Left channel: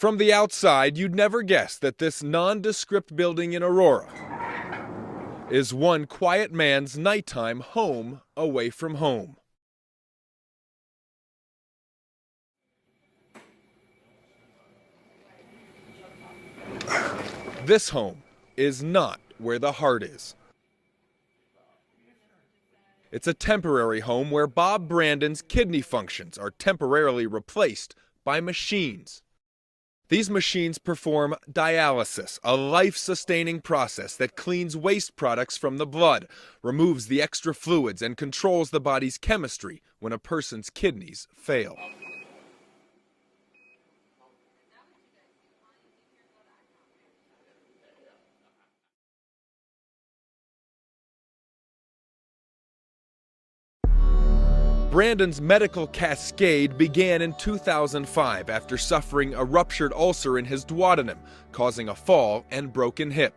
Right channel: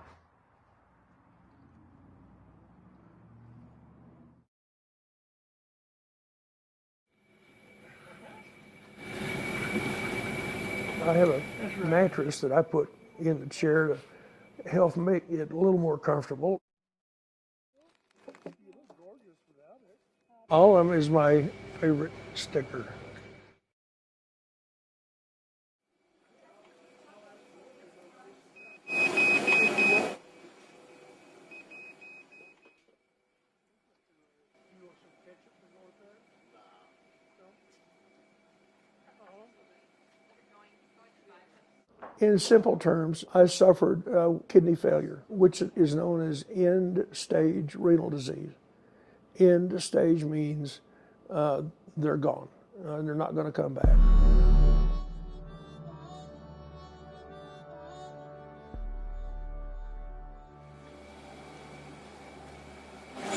From the outside, you'd never guess that this nondescript building in Aurora is one quiet man's nighttime home away from home. I have a mattress that I put in the chair to help make it a little more comfortable. This home is not where the heart is. All of them is my favorite sticker. It's a temporary home where Bob Brandon's kidney functions are temporarily replaced by machines. These machines perform dialysis, a life-sustaining process that cleans waste products from the blood, removes the extra fluids, and controls the body's chemistry when a person's kidneys fail. In simple terms, I suffered kidney failure, which is known as end-stage renal disease. End stage means they're gone. They're not going to come back. Brandon's medical cascade began in 2005 after suffering a ruptured ulcer in his duodenum, causing a fall and broken hip.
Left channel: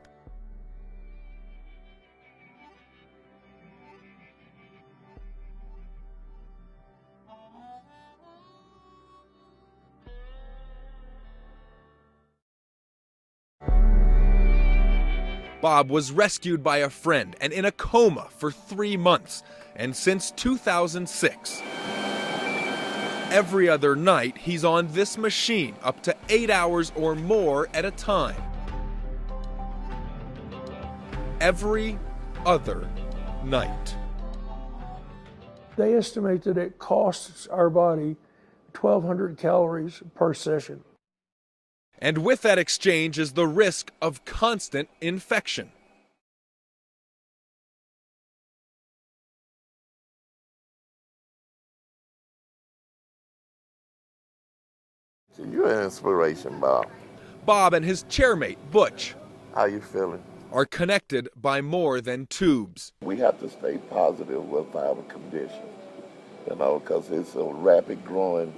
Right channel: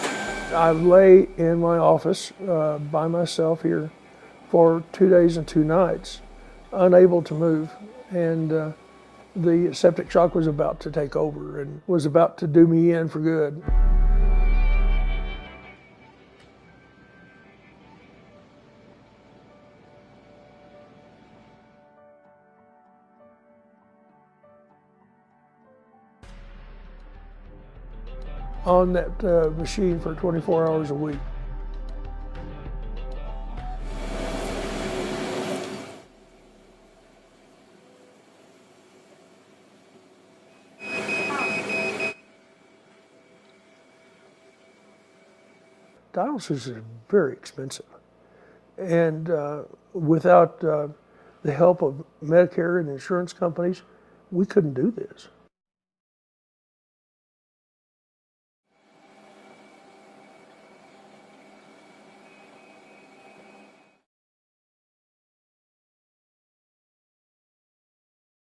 I lay in my office by myself here for 2 days and 2 nights, unable to move, and the septic shock was about to take over and was about to do me in for good. Bob was rescued by a friend and in a coma for 3 months. And since 2006, every other night he's on this machine up to 8 hours or more at a time. On that machine for 24 hours a week. Every other night. They estimate that it costs our body 1,200 calories per session. And with that exchange is the risk of constant infection. Dialysis is very expensive. And without the help of Medicare and insurance companies, we couldn't do this. You're an inspiration, Bob. Bob and his chairmate, Butch, How you feeling? are connected by more than tubes. We have to stay positive with our condition, because it's a rapid growing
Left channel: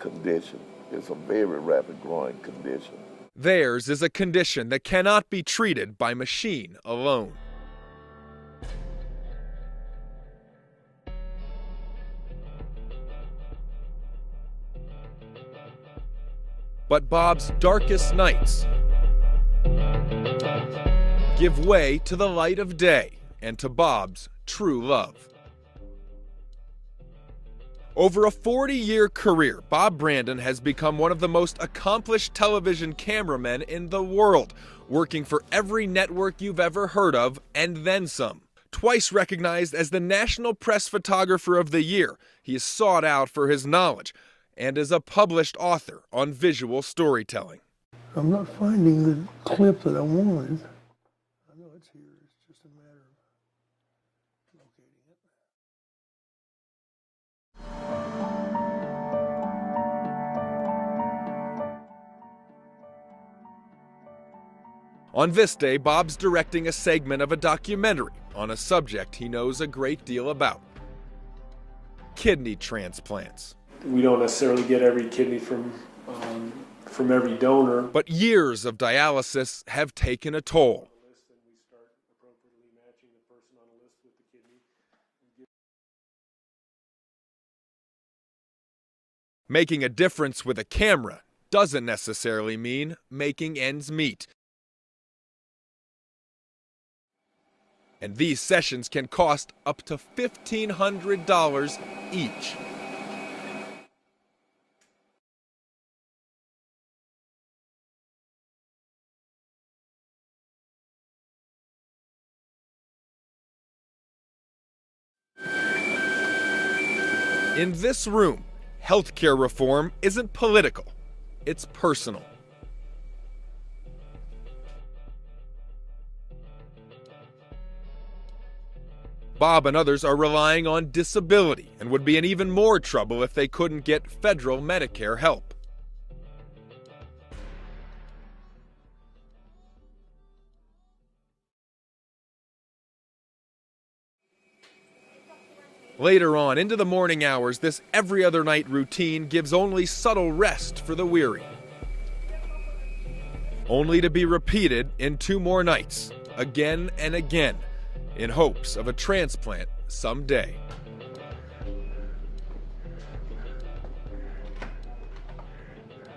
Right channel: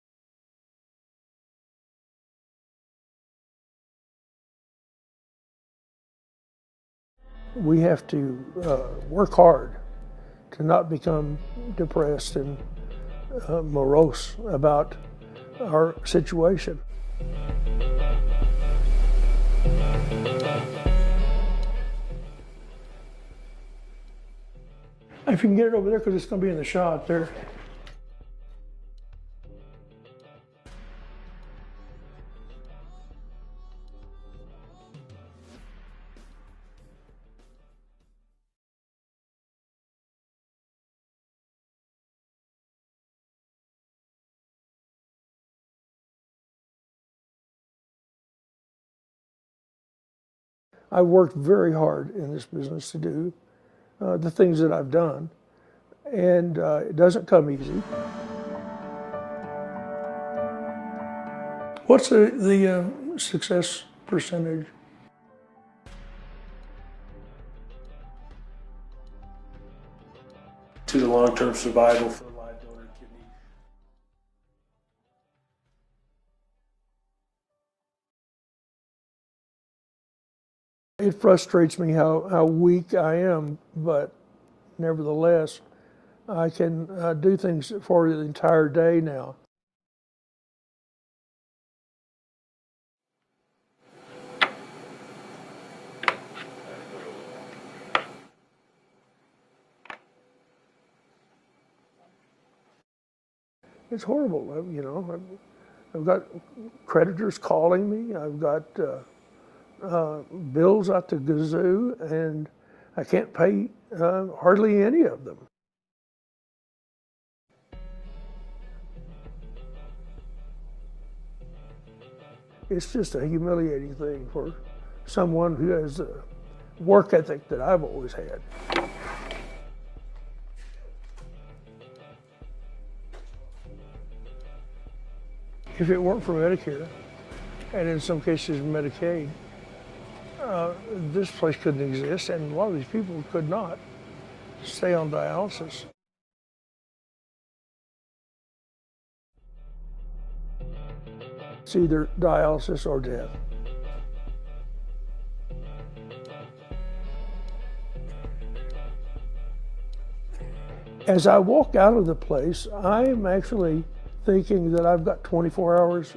condition. It's a very rapid growing condition. Theirs is a condition that cannot be treated by machine alone. We have to work hard to not become depressed and morose about our situation. But Bob's darkest nights give way to the light of day and to Bob's true love. If you can get it over there, because it's going to be in the shot there. Over a 40-year career, Bob Brandon has become one of the most accomplished television cameramen in the world, working for every network you've ever heard of, and then some. Twice recognized as the National Press Photographer of the Year, he is sought out for his knowledge and is a published author on visual storytelling. I'm not finding the clip that I wanted. I worked very hard in this business to do the things that I've done. And it doesn't come easy. What's the success percentage? On this day, Bob's directing a segment of a documentary on a subject he knows a great deal about. To the long-term survival. Kidney transplants. We don't necessarily get every kidney from every donor. But years of dialysis have taken a toll. It frustrates me how weak I am, but nevertheless, I can do things for the entire day now. Making a difference with a camera doesn't necessarily mean making ends meet. And these sessions can cost up to $1,500 each. It's horrible, I've got creditors calling me. I've got bills out the gazoo, and I can't pay hardly any of them. In this room, healthcare reform isn't political, it's personal. It's just a humiliating thing for someone who has the work ethic that I've always had. Bob and others are relying on disability and would be in even more trouble if they couldn't get federal Medicare help. If it weren't for Medicare, and in some cases Medicaid, this place couldn't exist, and a lot of these people could not stay on dialysis. Later on, into the morning hours, this every other night routine gives only subtle rest for the weary. It's either dialysis or death. Only to be repeated in 2 more nights, again and again, in hopes of a transplant someday. As I walk out of the place, I am actually thinking that I've got 24 hours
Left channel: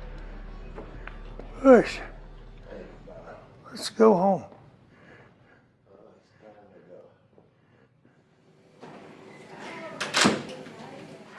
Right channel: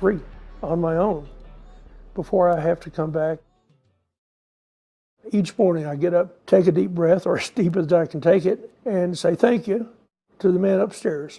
free. on my own. Push before I have to come back. Let's go home. Each morning I get up, take a deep breath, or as deep as I can take it, and say thank you to the man upstairs.